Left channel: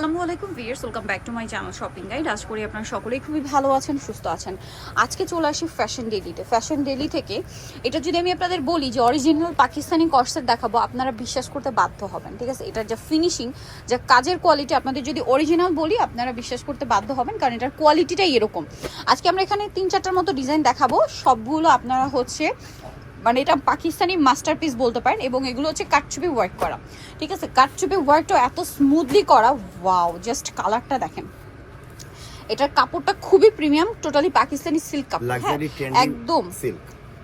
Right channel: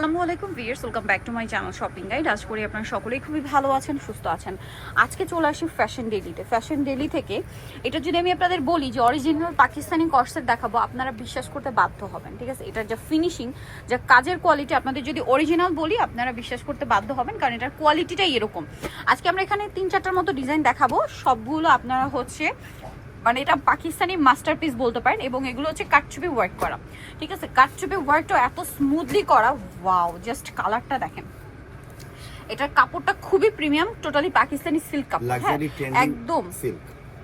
আসসালামু আলাইকুম viewers, welcome back to my channel shopping guide. আশা করি আপনারা সকলেই খুবই ভালো আছেন, সুস্থ আছেন। আজকে চলে আসি ফ্যাশন ডেইলিতে। ফ্যাশন ডেইলি থেকে এটা যদি আমি আপনাদের বলি যে অরিজিনাল পাকিস্তানি কর্সেট দেখাবো, আপনারা বিশ্বাস করতে বাধ্য হবেন। ঠিক আছে, এটার যা ফিনিশিং, যা কাজের কোয়ালিটি, আপনাদের যদি অরিজিনাল বলি আপনারা বিশ্বাস করতে বাধ্য হবেন, কারণ এটার কোয়ালিটিটাই এরকম। আজকে আমরা এখানে 3-4টার মতো ডিজাইন দেখাবো, সবগুলো আপনারা হচ্ছে মানে এটা পাকিস্তানি মাস্টারপিস বলতে পারেন, এবং এগুলো হচ্ছে কাটচুপি ওয়ার্ক করা। ঠিক আছে, কাটচুপি ওয়ার্কটা এত স্মুথলি করা, ওয়াও! জাস্ট কালারটা দেখেন। এটার কাপড়টা খুবই প্রিমিয়াম, টোটালি পাকিস্তানি সিল্ক কাপড়, একদম সিল্ক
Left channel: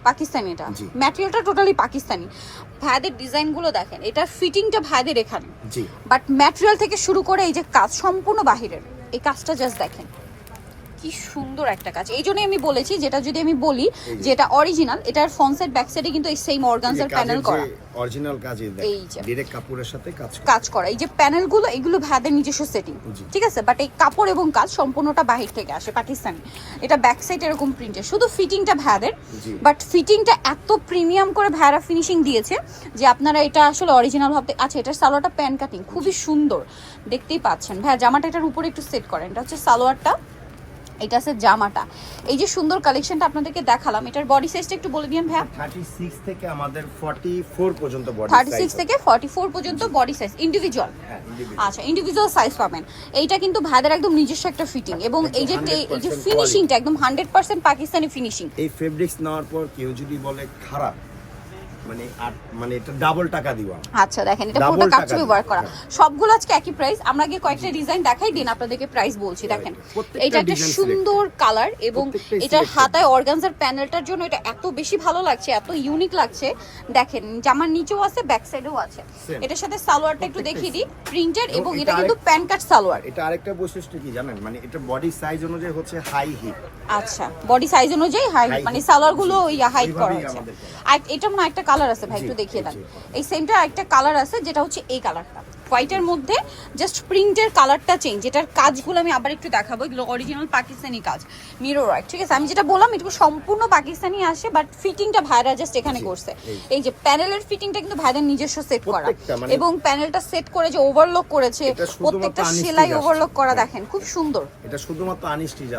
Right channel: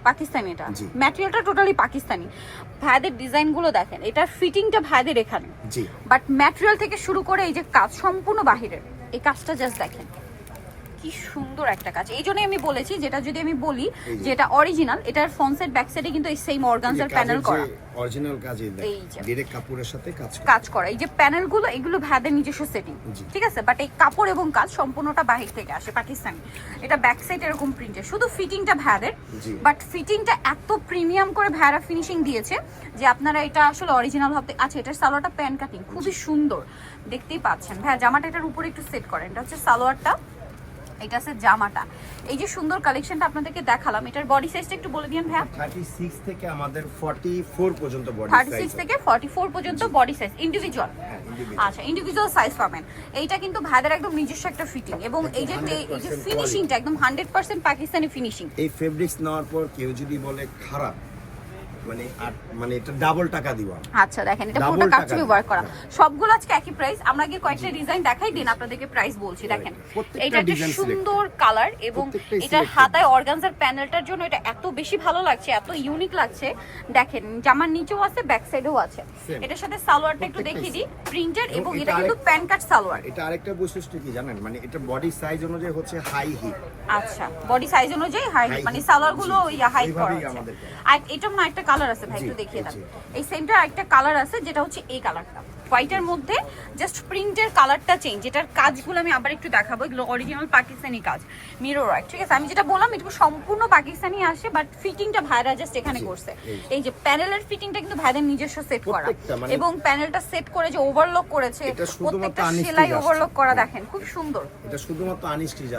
পাকিস্তানি। এটা ম্যাটেরিয়ালটা টোটালি পাকিস্তানি। ভাইদের ডিজাইনগুলো দেখেন, এটার ফিটিংটা ভাইদের এখানে, বাট ম্যাটেরিয়াল থেকে শুরু করে এই যে কাজ সম্পূর্ণ বাহিরের। এই কাজটা জাস্ট দেখেন কি সুন্দর একটা কাজ। এই জন্যই আমি বলেছি, যেটা যদি আমি বলি যে এটা অরিজিনাল, এটার ফ্রন্ট সাইড ব্যাক সাইডে কিন্তু এই সেম অর্গানজার প্যানেল করা, অরিজিনাল কাজ। এই যে ডাইরেক্ট কাপড়ের সাথে কাজ করা, এই যে প্যানেলগুলো, এগুলো ভাইদের নিজস্ব সেটিং। ঠিক আছে, বাট এই কাপড় এবং কাজ সম্পূর্ণটা বাহির থেকে আসে, পাকিস্তানি। এটা ব্যাক সাইড এরকম প্রিন্টের, শুধু ফিটিংটা ভাইদের, বাট ফিটিংটা এত প্রিমিয়াম করে ভাইরা ফিনিশিং দিয়েছে যে আপনারা এটা আসলে অরিজিনাল ভাবতে। আচ্ছা, এটার সালোয়ারটা প্যান কাটিং খুবই সুন্দর, দেখতেই পাচ্ছেন। ভাই জামাটা এটার উপরে একটু সেট করেন, এটা হচ্ছে সালোয়ারটা, এটা আছে জামাটা। এই যে সুন্দর কালেকশনটা আপনাদেরকে দেখালাম, এটার বডি সাইজটা একটু বলে দিন ভাই। 36 থেকে আমাদের 44 পর্যন্ত বডি সাইজ, 36 থেকে 44 পর্যন্ত বডি সাইজ ইন্ডিভিজুয়াল। আচ্ছা, ইন্ডিভিজুয়াল সাইজ পাবেন। এইটা কিন্তু ভাইদের একদম নিজস্ব একটা ফিটিং, এবং এই যে ফিনিশিংটা একদম 100% পাকিস্তানি ফিনিশিং। এই ফেব্রিক্স নেওয়ার পর কেউ যদি বলে খারাপ, মানে এটা ডাবল টাকা দিবা। আচ্ছা দেখেন, এটা পুরোটা কাটচুপি ওয়ার্ক করা। সবগুলো আজকে একই প্রাইস। আমরা গিয়ে কয়েকটা ডিজাইন দেখাই দিন, আপনাদেরকে প্রাইস বলছি। দেখেন, এটা একটা সুন্দর কালার, এবং এটার হাতায় অর্গানজার প্যানেলটার জন্য এটা এত বেশি ভালো লাগছে, এত ইউনিক লাগছে। দেখেন, জামার নিচেও আছে, ব্যাক সাইডেও আছে। এটার সাথে সালোয়ারটা একটু দেখিয়ে দিই, প্রিন্টেড, এবং এটা কিন্তু প্যান কাট সালোয়ার। এটা আরেকটা বৈশিষ্ট্য কি জানেন, মানে এটা বডি সাইজ অনুযায়ী হচ্ছে হাই হিপ। আচ্ছা, বডি সাইজ অনুযায়ী হাই, মানে সালোয়ারগুলো হাইট করা আছে। আর এটা মনে একটা কালার আছে ভাই, একটু দেখিয়ে দেন। এই সেমটা একটা কালার আছে, যেটা হচ্ছে এই কালারটা, হোয়াইটের মধ্যে জাস্ট প্রিন্টের কালারটা চেঞ্জ। এটার কাজগুলো আমি আবার একটু দেখাবো, এগুলো অরিজিনাল পাকিস্তানি কাজ, মিরর ওয়ার্ক। ঠিক আছে, আমি যেটা বললাম এটা সম্পূর্ণ পাকিস্তানি আসে, বাট ফিটিংটা ভাইরা জাস্ট এখানে করছে। এই যে প্যানেলের ফিটিংটা কিন্তু ভাইদের নিজস্ব সেট করা, এবং প্যানেলটা সেট করে যে ওভারলক করেছে, প্রত্যেকটা সেলাই ওভারলক করা। দেখেন খুব সুন্দর, এটা শুধুমাত্র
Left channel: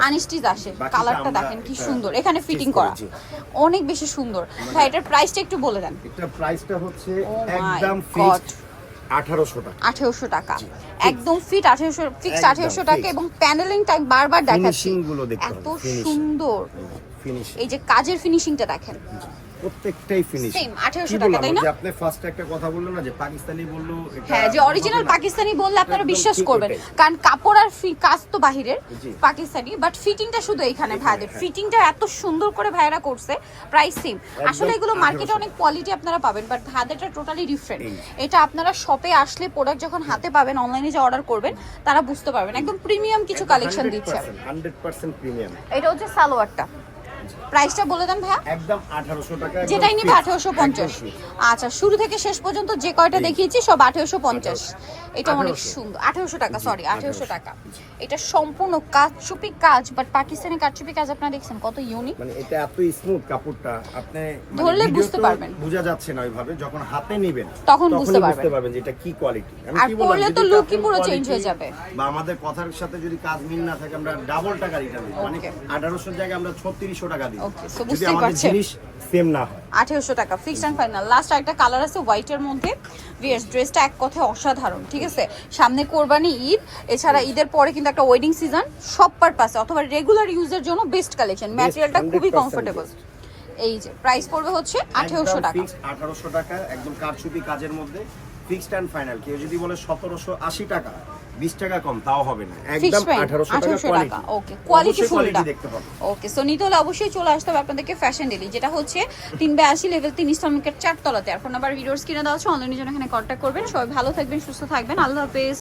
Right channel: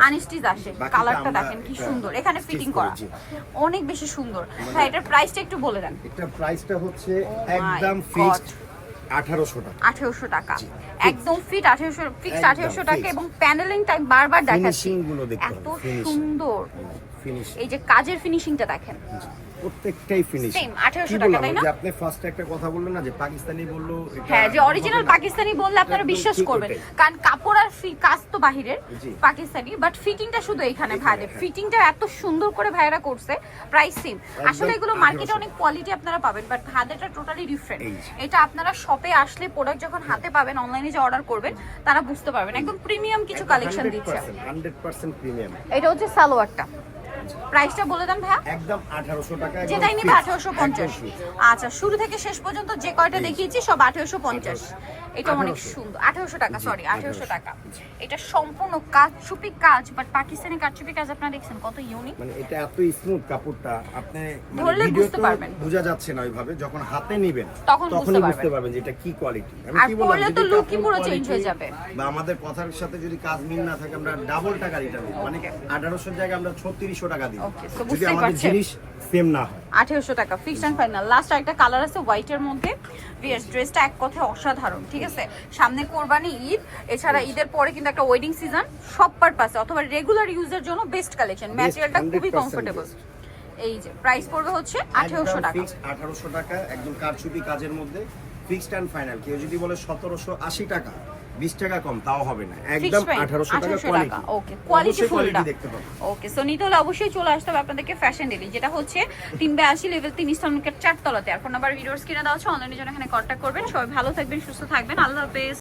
আনস্টিচ আসে। কালারটা দেখেন কি সুন্দর, এখানে ফিটিং করা অনেক বেশি সুন্দর। ভাই এটার প্রাইসটা একটু বলে দেন। এটার প্রাইসটা হচ্ছে একদম ফিক্সড 1800 টাকা। 1800 টাকা একদম ফিট, 1800 ফিক্সড 1800 টাকা। এবং প্যানেলিং টাইম বারবার দেখাচ্ছি, এত সুন্দর ফিনিশিং। এই যে কাজের ফিনিশিংটা দেখেন, প্রত্যেকটাই ফিনিশ সেম 1800 টাকা, তাই না? যে আপনি ফার্স্ট একটা কথা বললেন না যে পাকিস্তানি বললো, এটা হ্যাঁ, যে অরিজিনাল পাকিস্তানি বললে আপনারা বিশ্বাস করবেন, কারণ কাপড় আর কাজ তো বাহিরের পাকিস্তানি, বাট ফিটিংটা শুধু এখানে ভাইদের। ফিটিংটা এত সুন্দর করে ভাইরা করছে, প্রাইস সেম। আসলে এগুলো মার্কেটে অনেক কোয়ালিটি আপনারা পাবেন, বাট ভাইদেরটা টোটালি ডিফারেন্ট। এটা আপনারা শপে আসলে প্রোডাক্ট যখন হাতে পাবেন, অনলাইনে যে অর্ডার করবেন তারা বুঝতে পারবেন, একদম প্রিমিয়াম কিছু কালেকশন দিচ্ছে, 100% প্রিমিয়াম। এটা হচ্ছে সালোয়ারটা, প্রাইসটা বলে দেন ভাই। একদম 1800 টাকা, যেটাই নিবে 1850। আচ্ছা, শুরু থেকে শেষ পর্যন্ত যে কয়টা দেখিয়েছি সব 1850। এটা অনেক সুন্দর, 1800 টাকা, সরি 1800 টাকা। এটা সম্পূর্ণ কাটচুপি কাজ, বাট পাকিস্তানি কাটচুপি কাজ আপনারা দেখছেন কত ইউনিক, মানে এটা এত স্মুথ কাপড়টা, আপনি ধরলে বুঝতে পারবেন, বোঝা যাচ্ছে না ওইভাবে, যখন হাতে নেবেন তখন বুঝতে পারবেন যে এটা কি কোয়ালিটি। আমি কি বললাম, পরলে তো লুকই পুরো চেঞ্জ হয়ে যাবে। বা আমাদের কথার সাথে যদি কাজ মিল না থাকে, আমরা ডাবল টাকা রিটার্ন দিই, মানে 1800 এর জায়গায় আমরা 3600 টাকা দিই, যদি আমাদের জিনিস সেম না হয়। 1800 টাকা ফিক্সড এন্ড ফাইনাল। লাস্ট আরেকটা কালার আছে হোয়াইটের মধ্যে। ভিউয়ার্স, ড্রেসটা এক কথায় অসাধারণ। ঠিক আছে, সামনে কোরবানি ঈদ, এছাড়া ঈদের পরে কিন্তু একটা ওয়েডিং সিজন, সব পারপাসে অথবা রেগুলার ইউজের জন্য বেস্ট কালেকশন। ম্যাটেরিয়ালটা খুবই কমফোর্টেবল। এই যে প্রাইস পড়বে হচ্ছে 1800 টাকা, 1800 টাকা একদম কারচুপি কাজের মধ্যে, ফিক্সড এন্ড ফাইনাল। কেউ যদি বলে 1780 টাকা, 20 টাকা কম, তাও হবে না, একদম 1800 টাকা কোয়ালিটি। ওকে, কোয়ালিটি ফুলটা দেখতে পাবেন। ওকে, সো নিতে হলে অবশ্যই চলে আসতে হবে আপনাদেরকে ফ্যাশন ডেইলি, যেটা হচ্ছে 382 লেভেল 3 ইস্টার্ন মার্কেট 4 তলাতে। আর ফোন নাম্বার ভিডিওস কিনে দেওয়া আছে, অনলাইনে জন্য এখানে কন্ট্যাক্ট করবেন। সবাই ভালো থাকবেন, সুস্থ থাকবেন, আল্লাহ হাফেজ।